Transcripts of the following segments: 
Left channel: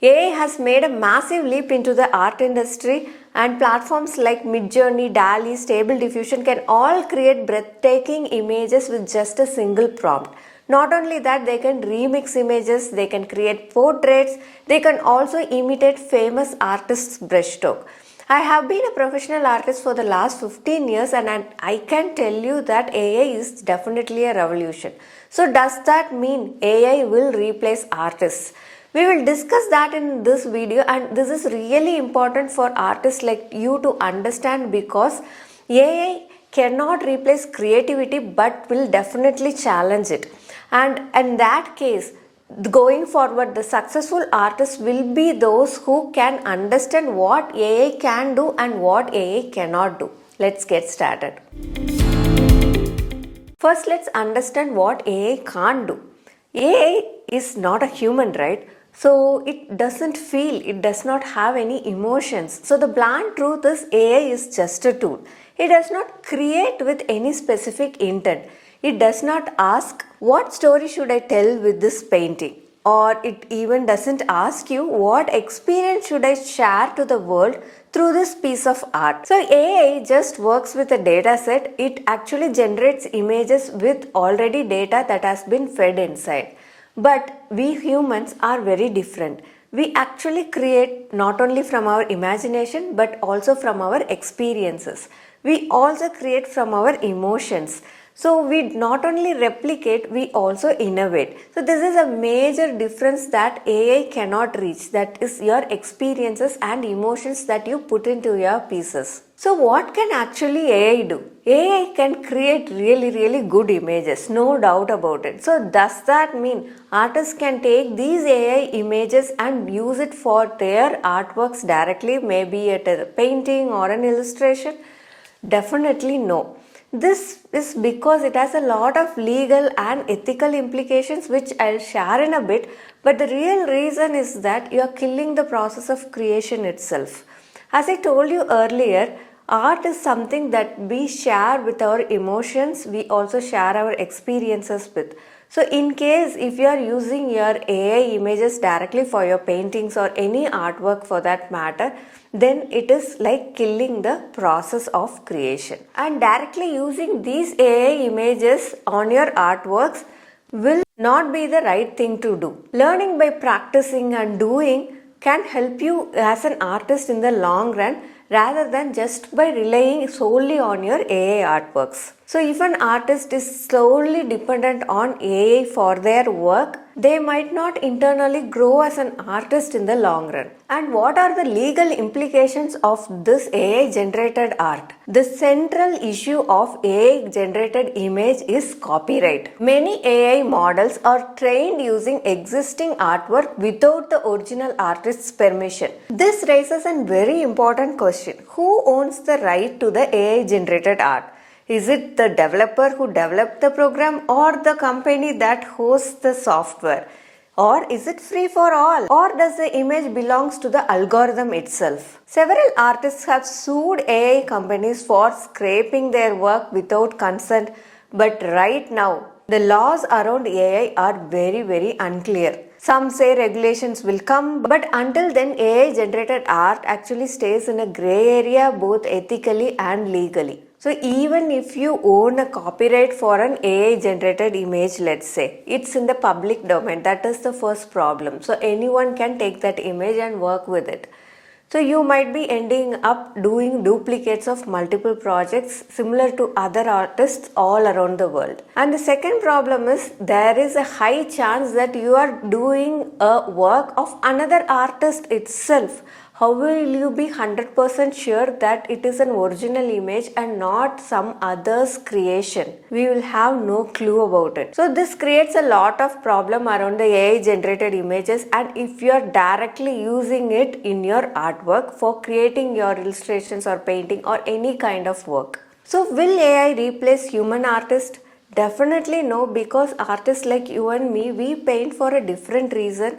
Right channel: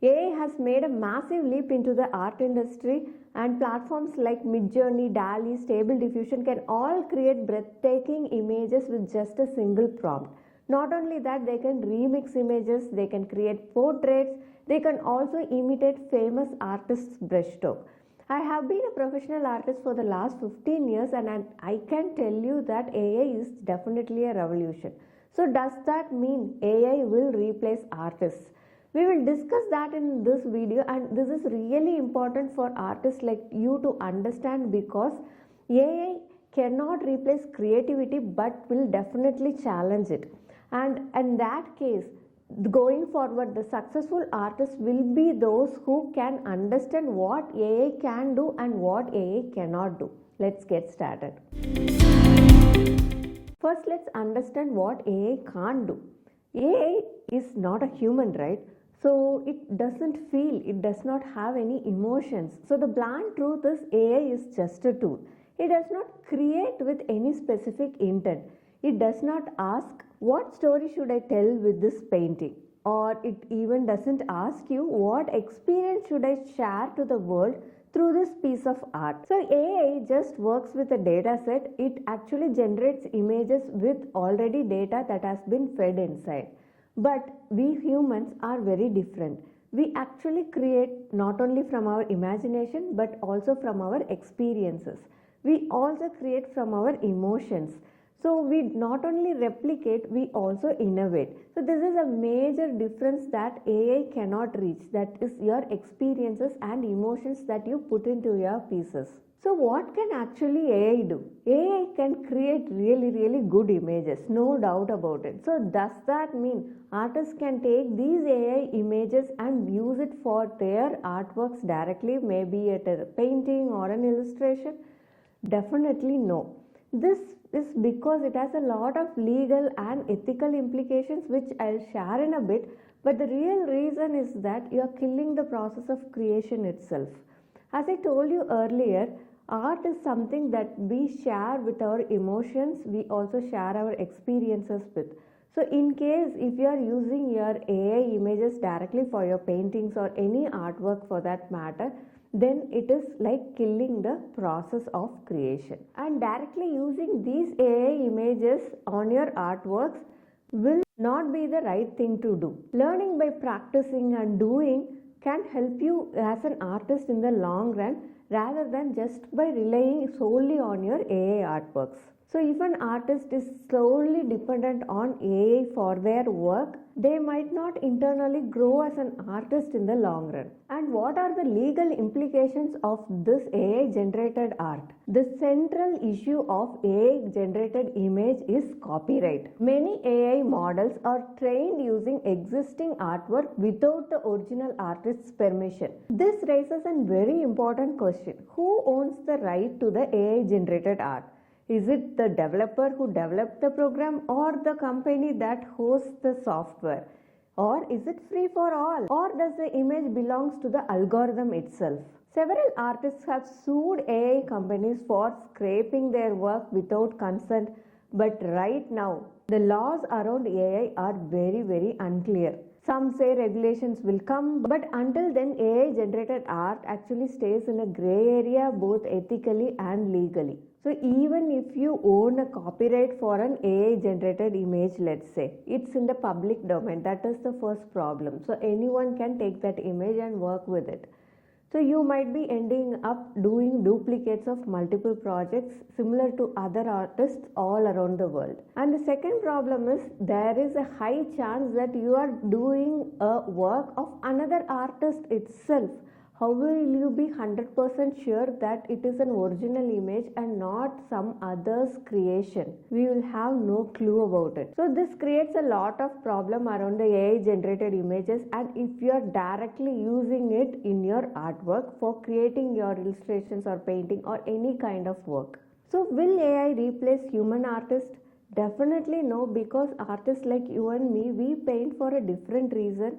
AI has made a massive leap into the art industry, and platforms like Midjourney, DALL-E, Stable Diffusion can all create breathtaking images with just a single prompt. Not only that, they can remix images, they can create portraits, they can also imitate famous artists' brushstroke. I have been a professional artist for the last 15 years and I can tell you that AI is definitely a revolution. So does that mean AI will replace artists? We will discuss that in this video, and this is really important for artists like you to understand, because AI cannot replace creativity but will definitely challenge it. And in that case, going forward, the successful artists will be those who can understand what AI can do and what AI cannot do. Let's get started. First, let's understand what AI can't do. AI is not a human, right? So it doesn't feel, it does not have any emotions. So the blunt truth is AI is just a tool. It does not create with any specific intent. It does not ask, what story should I tell with this painting? Or it even doesn't ask you, what experience should I share to the world through this piece of art? So AI just works with a data set. It actually generates images with already data that has been fed inside. But we humans are very different. We actually create not only from our imagination but also from our experiences. We also create from our emotions. So we not only replicate, we also innovate. So this is a major difference that AI cannot reach. That is your experiences and emotions that you put into your pieces. So what can actually AI do? AI can create really good images, no doubt about it. So does that mean artists can take these AI images and use it for their artworks directly, maybe at a painting or an illustration? Definitely no. This is because it has a lot of legal and ethical implications, which I'll share in a bit, but the real reason is that you are killing the process of creation itself. As I told you earlier, art is something that we share with our emotions, we also share our experiences with. So in case if you are using your AI images directly for your paintings or any artwork for that matter, then it is like killing the process of creation. And directly using these AI images on your artworks will not be the right thing to do. Learning by practicing and doing can help you as an artist in the long run, rather than just by relying solely on your AI artworks. So if an artist is solely dependent on AI for their work, they might not internally grow as an artist in the long run. And what are the legal implications of this AI generated art? The central issue of AI generated image is copyright. Many AI models are trained using existing artwork without the original artist's permission. This raises a very important question. Who owns the right to the AI generated art? Is it the developer who developed the program, or the company that hosts the software? Or is it free for all? Or does the image belongs to the algorithm itself? Several artists have sued AI companies for scraping their work without consent, but right now the laws around AI are very unclear. Some say regulations will come, but until then AI generated art actually stays in a grey area both ethically and legally. So even if you own a copyright for an AI generated image, let's say, it's in the public domain. That is the first problem. So anyone can take that image and work with it. So you might be ending up doing duplicates of multiple projects similar to other artists all around the world. And the second problem is there is a high chance that you are doing a work of another artist itself. How will you be 100% sure that it is an original image and not some other's creation? We will have no clue about it. So this creates a lot of problem around the AI generated images, and if you are directly using it in your artwork for creating your illustrations or painting or any kind of work. So will AI replace human artists? Definitely no, because artists like you and me, we paint for a different reason.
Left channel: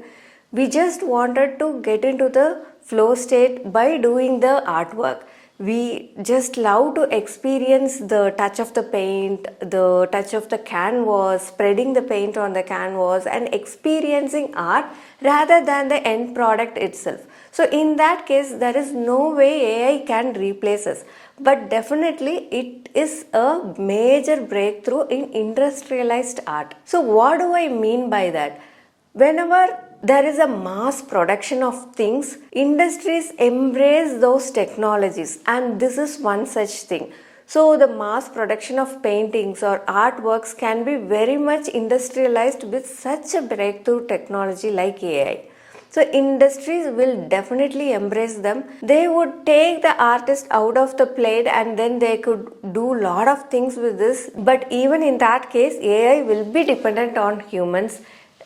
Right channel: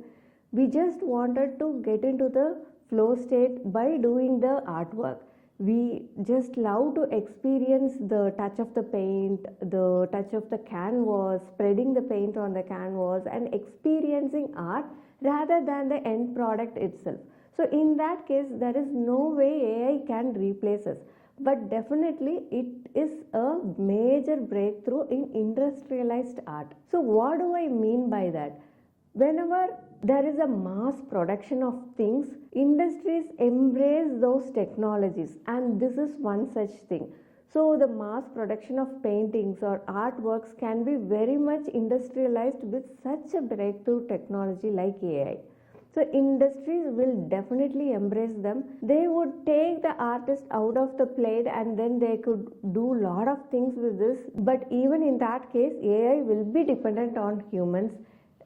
We just wanted to get into the flow state by doing the artwork. We just love to experience the touch of the paint, the touch of the canvas, spreading the paint on the canvas and experiencing art rather than the end product itself. So in that case, there is no way AI can replace us. But definitely it is a major breakthrough in industrialized art. So what do I mean by that? Whenever there is a mass production of things, industries embrace those technologies, and this is one such thing. So the mass production of paintings or artworks can be very much industrialized with such a breakthrough technology like AI. So industries will definitely embrace them. They would take the artist out of the plate and then they could do a lot of things with this. But even in that case, AI will be dependent on humans.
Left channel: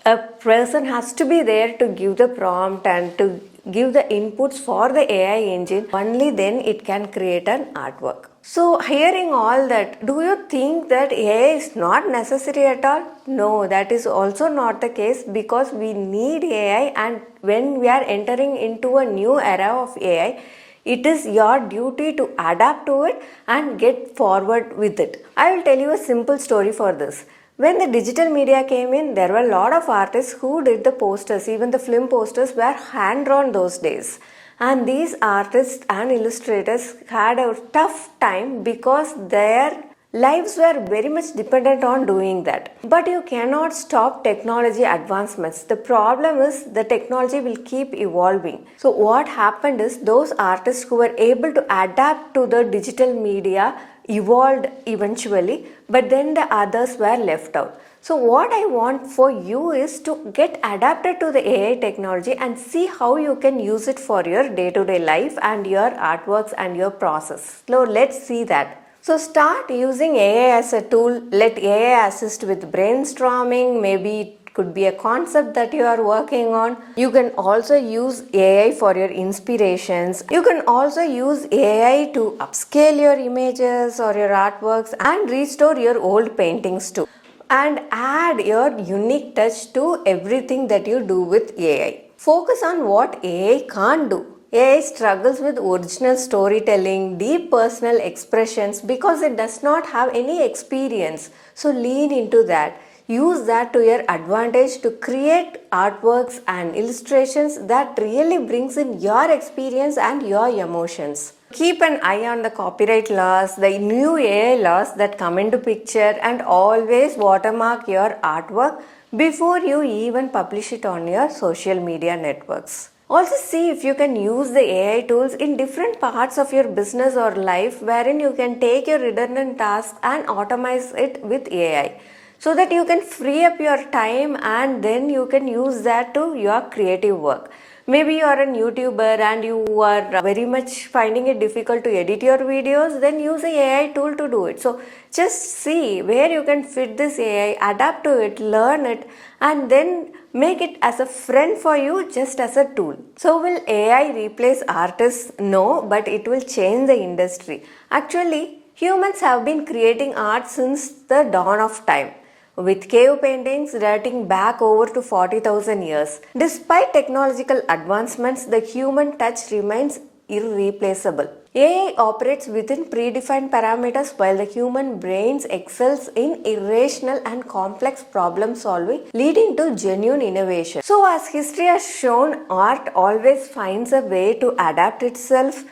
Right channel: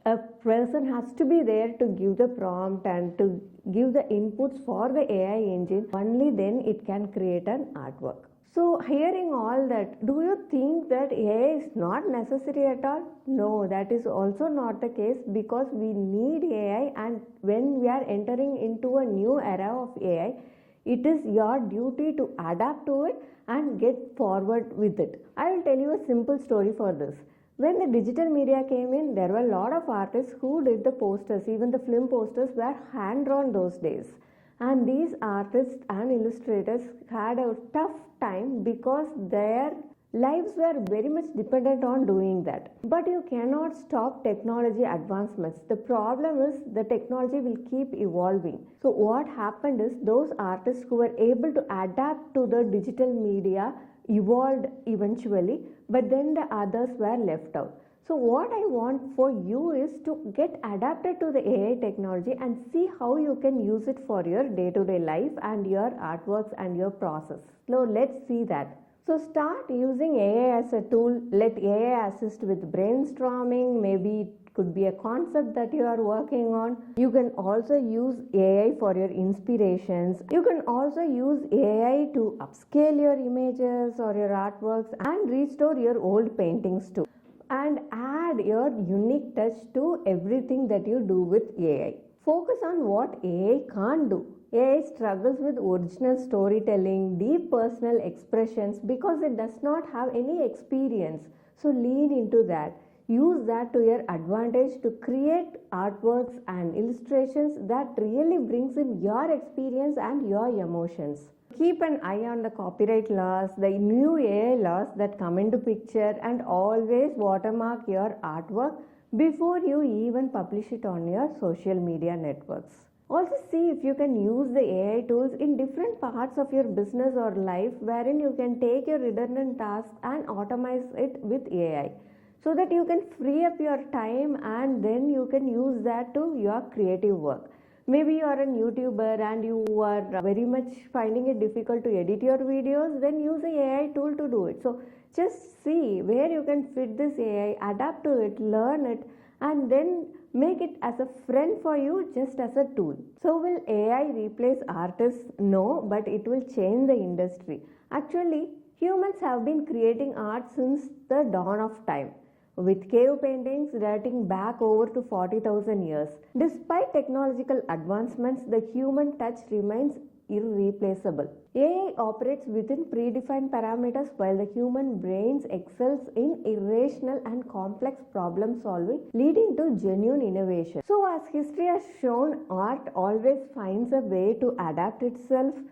A person has to be there to give the prompt and to give the inputs for the AI engine. Only then it can create an artwork. So hearing all that, do you think that AI is not necessary at all? No, that is also not the case, because we need AI, and when we are entering into a new era of AI, it is your duty to adapt to it and get forward with it. I will tell you a simple story for this. When the digital media came in, there were a lot of artists who did the posters. Even the film posters were hand-drawn those days. And these artists and illustrators had a tough time because their lives were very much dependent on doing that. But you cannot stop technology advancements. The problem is the technology will keep evolving. So what happened is those artists who were able to adapt to the digital media evolved eventually, but then the others were left out. So what I want for you is to get adapted to the AI technology and see how you can use it for your day-to-day life and your artworks and your process. So let's see that. So start using AI as a tool. Let AI assist with brainstorming. Maybe it could be a concept that you are working on. You can also use AI for your inspirations. You can also use AI to upscale your images or your artworks and restore your old paintings too. And add your unique touch to everything that you do with AI. Focus on what AI can't do. AI struggles with original storytelling, deep personal expressions because it does not have any experience. So lean into that. Use that to your advantage to create artworks and illustrations that really brings in your experience and your emotions. Keep an eye on the copyright laws, the new AI laws that come into picture, and always watermark your artwork before you even publish it on your social media networks. Also see if you can use the AI tools in different parts of your business or life, wherein you can take your redundant tasks and automate it with AI, so that you can free up your time and then you can use that to your creative work. Maybe you are a YouTuber and you are very much finding it difficult to edit your videos, then use an AI tool to do it. So just see where you can fit this AI, adapt to it, learn it, and then make it as a friend for you, just as a tool. So will AI replace artists? No, but it will change the industry. Actually, humans have been creating art since the dawn of time, with cave paintings dating back over to 40,000 years. Despite technological advancements, the human touch remains irreplaceable. AI operates within predefined parameters while the human brain excels in irrational and complex problem solving, leading to genuine innovation. So as history has shown, art always finds a way to adapt itself.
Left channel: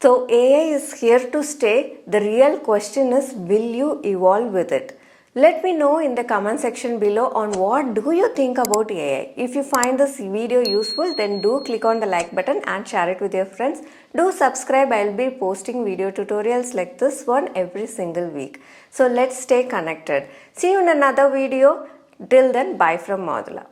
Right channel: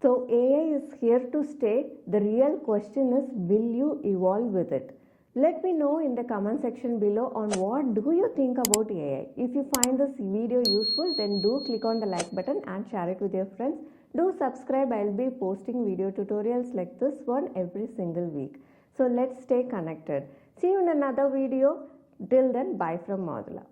So AI is here to stay. The real question is, will you evolve with it? Let me know in the comment section below on what do you think about AI. If you find this video useful, then do click on the like button and share it with your friends. Do subscribe. I'll be posting video tutorials like this one every single week. So let's stay connected. See you in another video. Till then, bye from Madhula.